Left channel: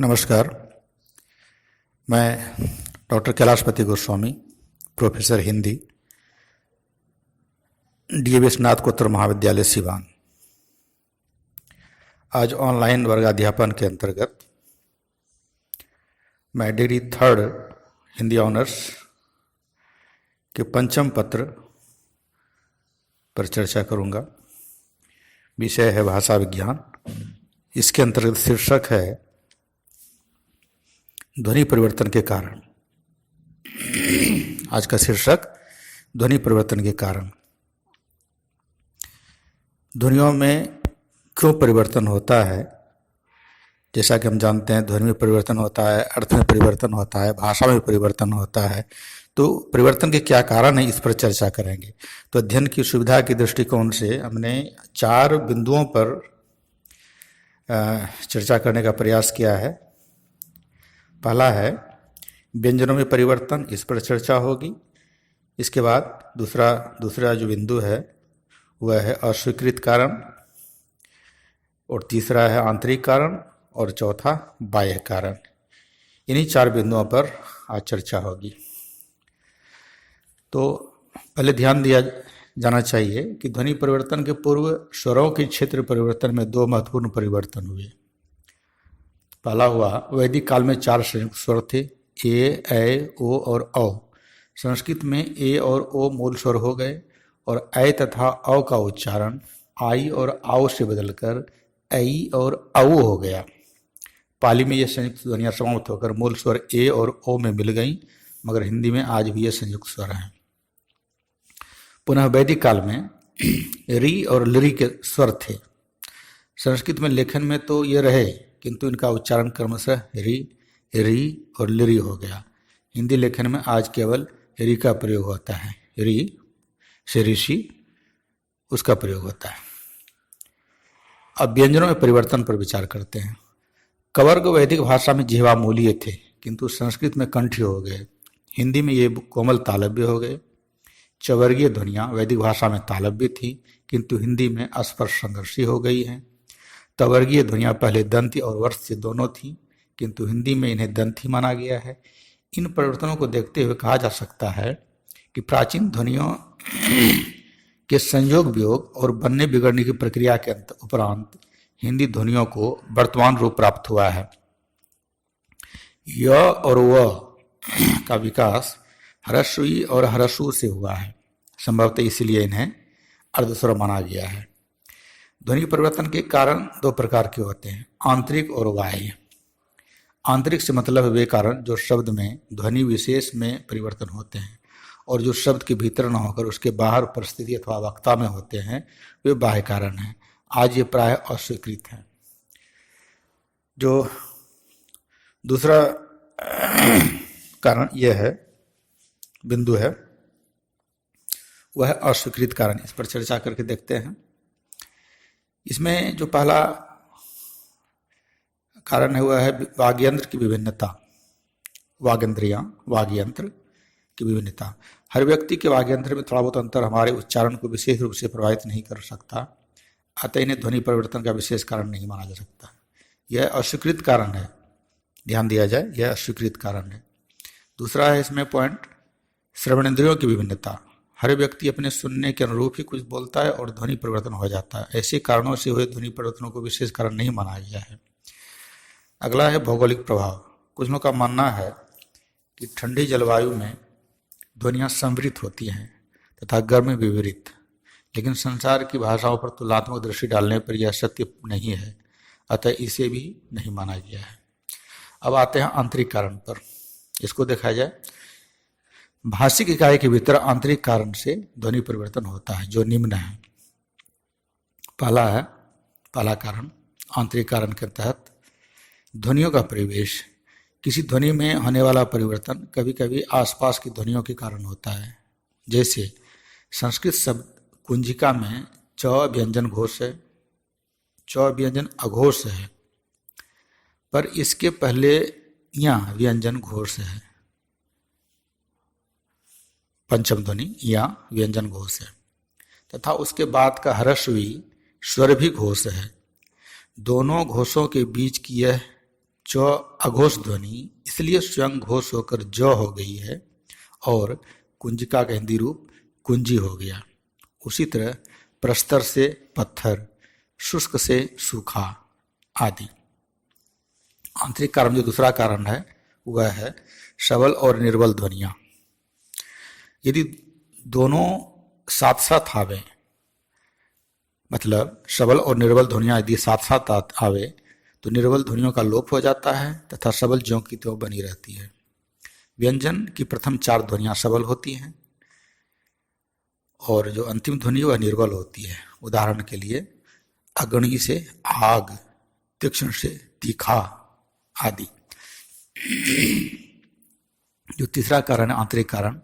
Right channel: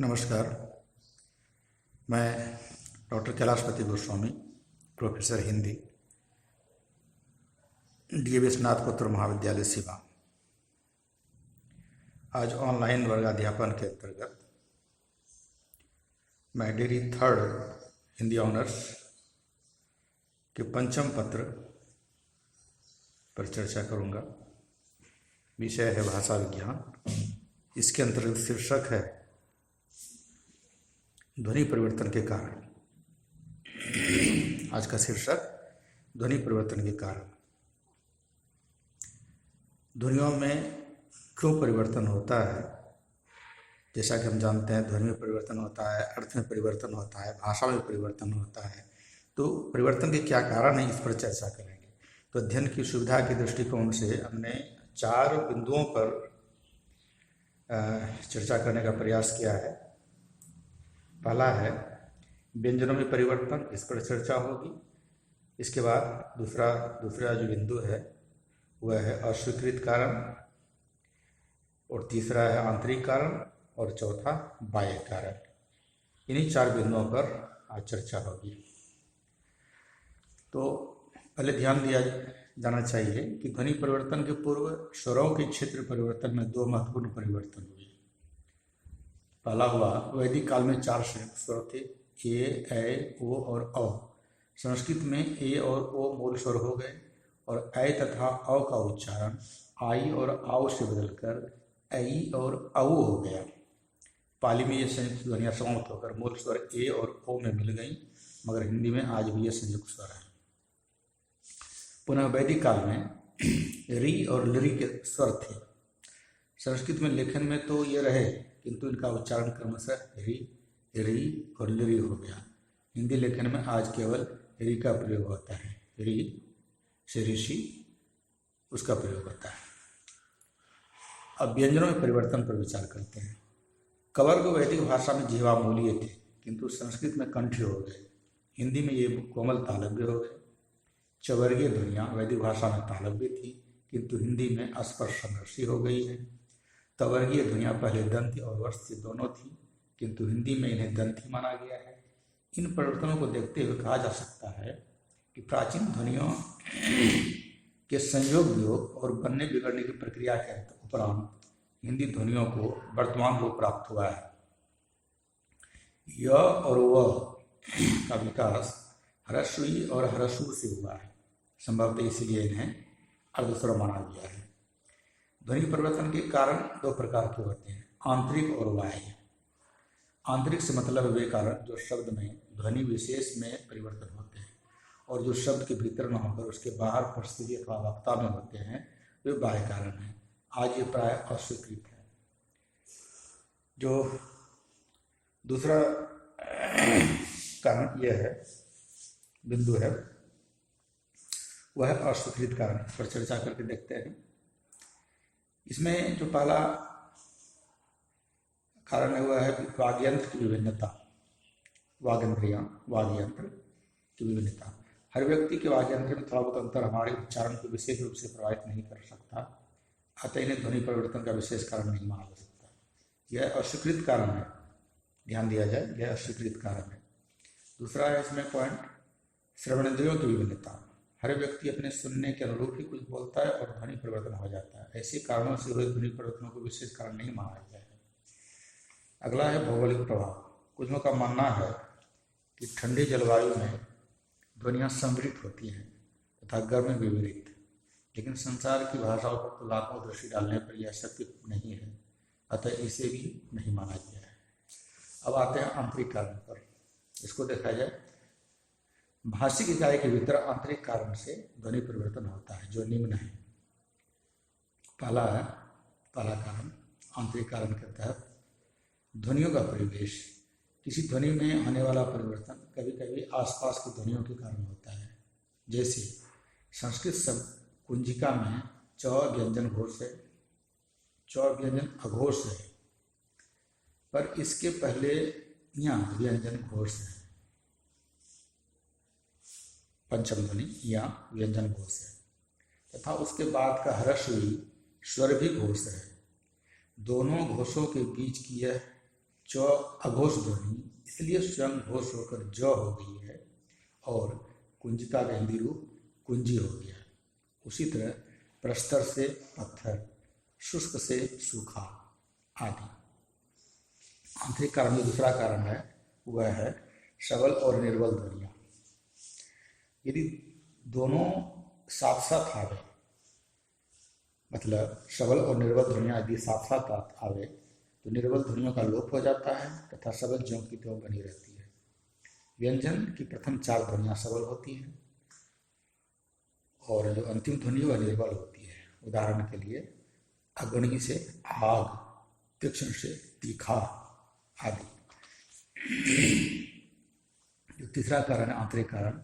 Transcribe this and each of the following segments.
नमस्कार। मैं doctor Kailashpati Goswami, professor Hindi, DAV स्नातकोत्तर महाविद्यालय सिवान। आज ऑनलाइन वर्गाध्यापन के अंतर्गत मैं डिग्री 3 हिंदी ऑनर्स के पंचम पत्र पर चर्चा करूंगा। विषय है भाषा विज्ञान। इसके अंतर्गत शीर्षक है ध्वनि परिवर्तन के कारण। आज का शीर्षक ध्वनि परिवर्तन के कारण। ध्वनियों में क्यों परिवर्तन होता है? जैसा कि हम जानते हैं, ध्वनि में परिवर्तन होता है, अर्थ में परिवर्तन होता है, भाषा में परिवर्तन होता है। तो परिवर्तन के क्या कारण हैं, इस पर चर्चा करेंगे। तो अध्ययन की सुविधा के दृष्टिकोण से हमने 4 बिंदुओं पर चर्चा करने का प्रयास किया है। पहला है व्यंजनों में परिवर्तन, इस पर चर्चा होगी। इसके बाद दूसरा जो बिंदु है वह है अस्वीकृत कारण, और तीसरा है आंतरिक कारण, और चौथा बाह्य कारण। इन्हीं 4 बिंदुओं पर आज चर्चा होगी। तो पहले ध्यान दिया जाना चाहिए कि ध्वनि परिवर्तन के पूर्व स्वरों के क्षेत्र परिवर्तन में 2 महत्वपूर्ण परिवर्तन हुए। पहला हुआ वैदिक काल में 4 संयुक्त स्वर थे, ए, ऐ, ओ और औ। संस्कृत में ए और ओ मूल स्वर हो गए और ऐ तथा औ का उच्चारण आई और आओ से बदलकर ऐ और औ हो गया। पाली में ये संयुक्त ध्वनियाँ समाप्त होकर मूल स्वर ए और ओ में मिल गईं, मगर हिंदी में आज भी ये संयुक्त स्वर हैं। पुनः वैदिक काल में री और लरी के स्वर थे। संस्कृत में लेखन में तो ये रहे, किंतु इनका उच्चारण क्रमशः री और लिरी हो गया। हिंदी लेखन में आज केवल री का प्रयोग होता है। री से ऋषि, उसका प्रयोग होता है। अब व्यंजनों में परिवर्तन पर विचार करते हैं। कवर्ग वैदिक भाषा में जिह्वामूलीय थे, किंतु संस्कृत में कंठी हो गए। हिंदी में ये कोमल तालव्य हो गए। चवर्गीय ध्वनियाँ वैदिक भाषा में तालव्य थी, किंतु हिंदी में स्पर्श संघर्षी हो गई हैं। तवर्गीय ध्वनियाँ पहले दंती और वर्ष से दोनों थीं, किंतु हिंदी में इन्हें दंती माना गया है। इन परिवर्तनों को देखते हुए कहा जा सकता है कि प्राचीन ध्वनियों के संयोग वियोग और बनने बिगड़ने की प्रक्रिया के उपरांत हिंदी ध्वनियों को वर्तमान रूप प्राप्त हुआ है। य और व का विकास ह्रस्वी और ह्रस्व से हुआ है। संभवतः इसलिए इन्हें अर्धस्वर माना गया है। ध्वनि परिवर्तन के कारण 2 प्रकार के होते हैं, आंतरिक और बाह्य। आंतरिक से मतलब वे कारण जो शब्द में ध्वनि विशेष में परिवर्तन होते हैं और जो शब्द के भीतर न होकर उसके बाहर परिस्थिति अथवा वक्ता में होते हैं, वे बाह्य कारण हैं। आज ये प्राय अस्वीकृत हैं। जो दूसरा कारण यह है, बिंदु है, वह है अस्वीकृत कारण। इस पर चर्चा करके देखते हैं। इसमें जो पहला कारण है वह है वाग्यंत्र की विभिन्नता। वाग्यंत्र की विभिन्नता। हर व्यक्ति के वाग्यंत्र में थोड़ा बहुत अंतर हमारे उच्चारण को विशेष रूप से प्रभावित नहीं कर सकता, अतः इन्हें ध्वनि परिवर्तन का विशेष कारण नहीं माना जा सकता। यह अस्वीकृत कारण है। ध्यान दिया जाए, यह अस्वीकृत कारण है। दूसरा है इसमें पॉइंट, श्रवणेंद्रियों की विभिन्नता। हर व्यक्ति अपने सुनने के अनुरूप ही कुछ बोलता है और ध्वनि परिवर्तन हो जाता है। ऐसे कारणों से हुए ध्वनि परिवर्तनों को विशेष कारण नहीं माना गया है। अगला है भौगोलिक प्रभाव। कुछ लोगों का मानना है कि ठंडी जलवायु में ध्वनियाँ समृद्ध होती हैं तथा गर्म में विपरीत, लेकिन संसार की भाषाओं पर तुलनात्मक दृष्टि डालने पर यह सत्य नहीं है, अतः इसे भी नहीं माना गया है। अब आते हैं आंतरिक कारण पर। इसको देखा जाए, भाषिक इकाई के भीतर आंतरिक कारण से ध्वनि परिवर्तन होता है, जो निम्न है। पहला कारण, आंतरिक कारण के तहत ध्वनियों का परिवेश। किसी ध्वनि में होने वाला परिवर्तन कभी कभी आसपास की ध्वनियों के कारण होता है। जैसे संस्कृत शब्द कुंजिका में च व्यंजन घोष है, च व्यंजन अघोष है, पर इसके पहले यहाँ व्यंजन घोष है। पंचम ध्वनि या व्यंजन घोष है, तथा उसके बाद का ह्रस्वी स्वर भी घोष है। दोनों घोषों के बीच की यह च अघोष ध्वनि इसलिए स्वयं घोष होकर ज हो गई है और कुंजिका का हिंदी रूप कुंजी हो गया। उसी तरह प्रस्तर से पत्थर, शुष्क से सूखा आदि। आंतरिक कारण जो दूसरा कारण है वह है सबल और निर्बल ध्वनियाँ। यदि दोनों साथ साथ आवे, मतलब सबल और निर्बल ध्वनियाँ यदि साथ साथ आवे तो निर्बल ध्वनियों का लोप हो जाता है तथा सबल ज्यों की त्यों बनी रहती है। व्यंजन की प्रथम 4 ध्वनियाँ सबल होती हैं और जो अंतिम ध्वनि वह निर्बल होती है। उदाहरण के लिए अग्नि से आग, तीक्ष्ण से तीखा आदि। जो तीसरा कारण है आंतरिक कारण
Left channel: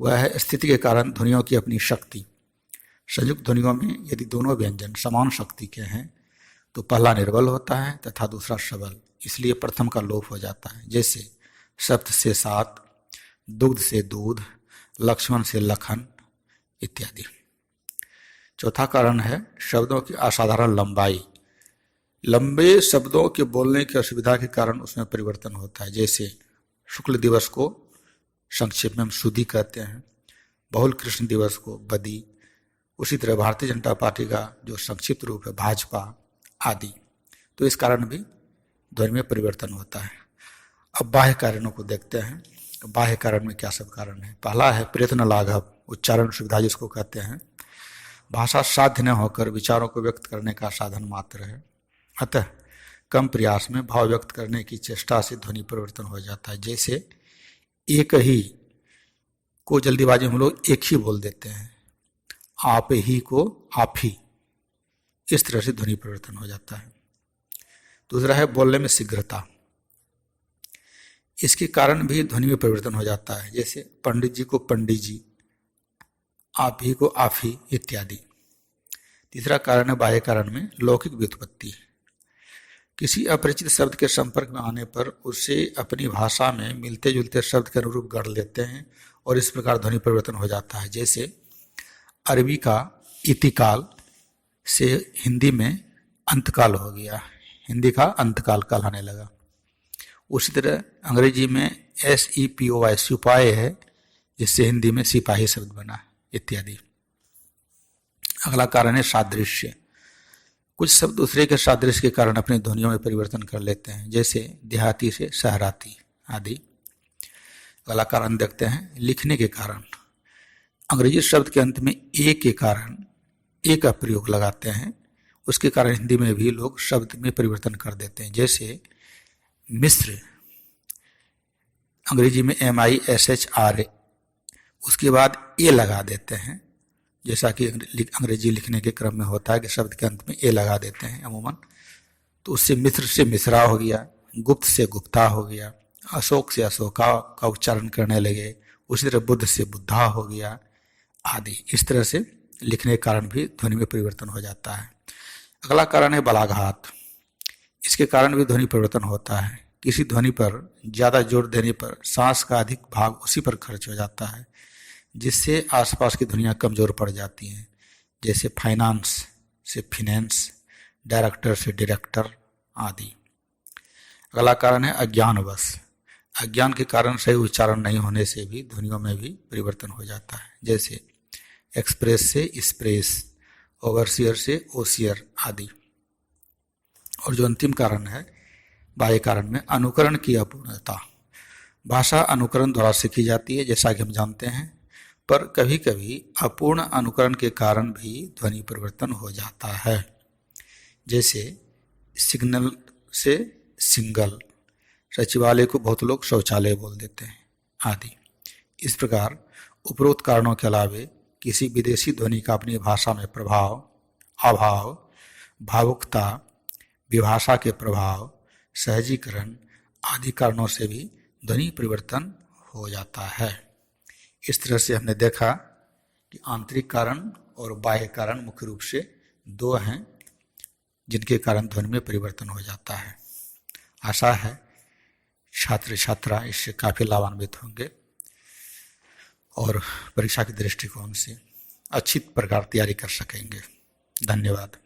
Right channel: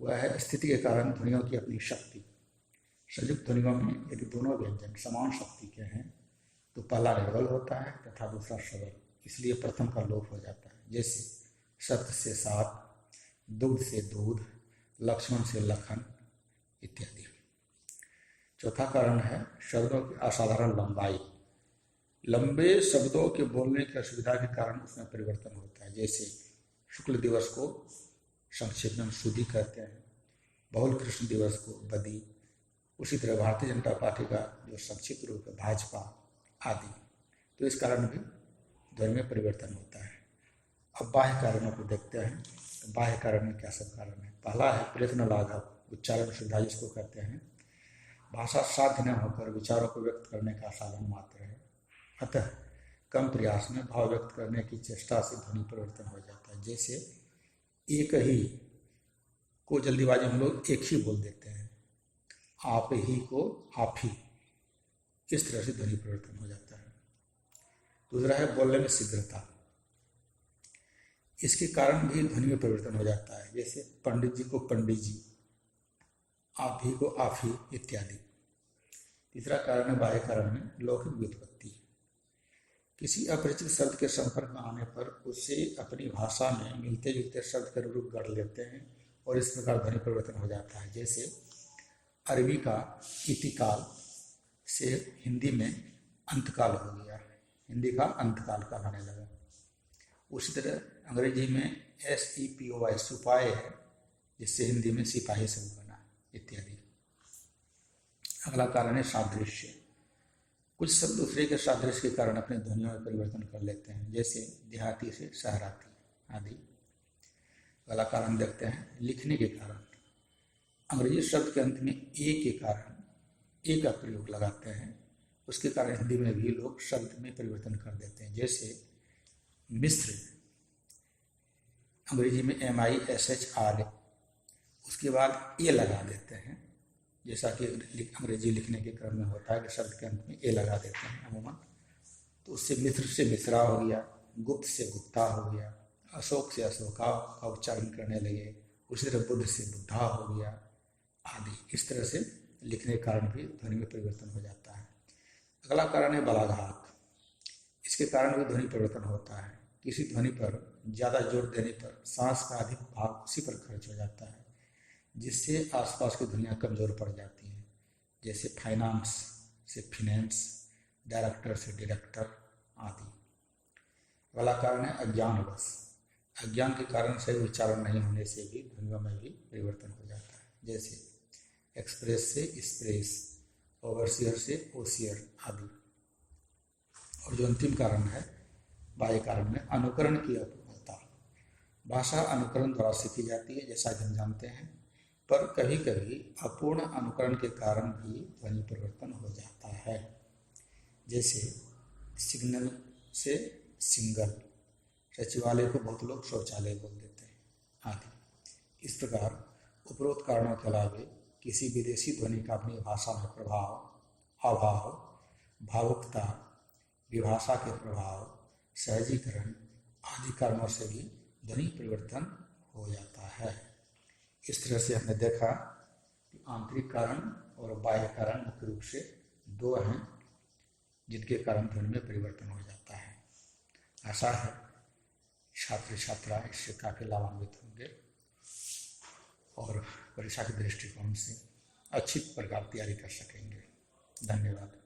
वह है स्थिति के कारण ध्वनियों की अपनी शक्ति। संयुक्त ध्वनियों में यदि दोनों व्यंजन समान शक्ति के हैं तो पहला निर्बल होता है तथा दूसरा सबल, इसलिए प्रथम का लोप हो जाता है। जैसे सप्त से सात, दुग्ध से दूध, लक्ष्मण से लखन इत्यादि। चौथा कारण है शब्दों की असाधारण लंबाई। लंबे शब्दों के बोलने की असुविधा के कारण उसमें परिवर्तन होता है। जैसे शुक्ल दिवस को संक्षेप में हम सुदी कहते हैं, बहुल कृष्ण दिवस को बदी। उसी तरह भारतीय जनता पार्टी का जो संक्षिप्त रूप है भाजपा आदि। तो इस कारण भी ध्वनि में परिवर्तन होता है। अब बाह्य कारणों को देखते हैं। बाह्य कारण में क्या सब कारण है। पहला है प्रयत्न लाघव, उच्चारण सुविधा जिसको कहते हैं। भाषा साध्य न होकर विचारों को व्यक्त करने का साधन मात्र है, अतः कम प्रयास में भाव व्यक्त करने की चेष्टा से ध्वनि परिवर्तन हो जाता है। जैसे एक ही को जल्दीबाजी में लोग एक ही बोल देते हैं, आप ही को आप ही, इस तरह से ध्वनि परिवर्तन हो जाता है। दूसरा है बोलने में शीघ्रता, इसके कारण भी ध्वनि में परिवर्तन हो जाता है। जैसे पंडित जी को पंडित जी, आप ही को आप ही इत्यादि। तीसरा कारण है बाह्य कारण में लौकिक व्युत्पत्ति। किसी अपरिचित शब्द के संपर्क में आने पर उसे अपनी भाषा में मिलते जुलते शब्द के अनुरूप गढ़ लेते हैं और इस प्रकार ध्वनि परिवर्तन हो जाता है। जैसे अरबी का इतिकाल से हिंदी में अंतकाल हो गया, हिंदी का अंतकाल कहलाने लगा। उसी तरह अंग्रेजी में SEPOY सिपाही है, जिससे हिंदी में सिपाही शब्द बना इत्यादि। अगला कारण है सादृश्य। कुछ शब्द दूसरे के सादृश्य के कारण अपनी ध्वनियों में परिवर्तन कर लेते हैं, जैसे देहाती से शहराती आदि। अगला कारण देखते हैं लिखने के कारण। अंग्रेजी शब्द के अंत में ए के कारण ए का प्रयोग लगाते हैं, उसके कारण हिंदी में भी लोग शब्द में परिवर्तन कर देते हैं। जैसे मिस्र, अंग्रेजी में MISHR, उसके बाद ए लगा देते हैं, जैसा कि अंग्रेजी लिखने के क्रम में होता है कि शब्द के अंत में ए लगा देते हैं अमूमन। तो उससे मिस्र से मिश्रा हो गया, गुप्त से गुप्ता हो गया, अशोक से अशोका का उच्चारण करने लगे। उसी तरह बुद्ध से बुद्धा हो गया आदि। इस तरह से लिखने के कारण भी ध्वनि में परिवर्तन हो जाता है। अगला कारण है बलाघात। इसके कारण भी ध्वनि परिवर्तन होता है। किसी ध्वनि पर ज़्यादा जोर देने पर सांस का अधिक भाग उसी पर खर्च हो जाता है, जिससे आसपास की ध्वनियाँ कमज़ोर पड़ जाती हैं। जैसे फाइनेंस से फिनेंस, डायरेक्टर से डायरेक्टर आदि। अगला कारण है अज्ञानवश। अज्ञान के कारण सही उच्चारण नहीं होने से भी ध्वनियों में भी परिवर्तन हो जाता है। जैसे एक्सप्रेस से स्प्रेस, ओवरसियर से ओसियर आदि। और जो अंतिम कारण है बाह्य कारण में अनुकरण की अपूर्णता। भाषा अनुकरण द्वारा सीखी जाती है जैसा कि हम जानते हैं, पर कभी कभी अपूर्ण अनुकरण के कारण भी ध्वनि परिवर्तन हो जाता है। जैसे सिग्नल से सिंगल, सचिवालय को बहुत लोग शौचालय बोल देते हैं आदि। इस प्रकार उपरोक्त कारणों के अलावे किसी विदेशी ध्वनि का अपनी भाषा में प्रभाव, अभाव, भावुकता, विभाषा के प्रभाव, सहजीकरण आदि कारणों से भी ध्वनि परिवर्तन हो जाता है। इस तरह से हमने देखा कि आंतरिक कारण और बाह्य कारण मुख्य रूप से 2 हैं जिनके कारण ध्वनि में परिवर्तन हो जाता है। आशा है छात्र छात्रा इससे काफ़ी लाभान्वित होंगे और परीक्षा के दृष्टिकोण से अच्छी प्रकार तैयारी कर सकेंगे। धन्यवाद।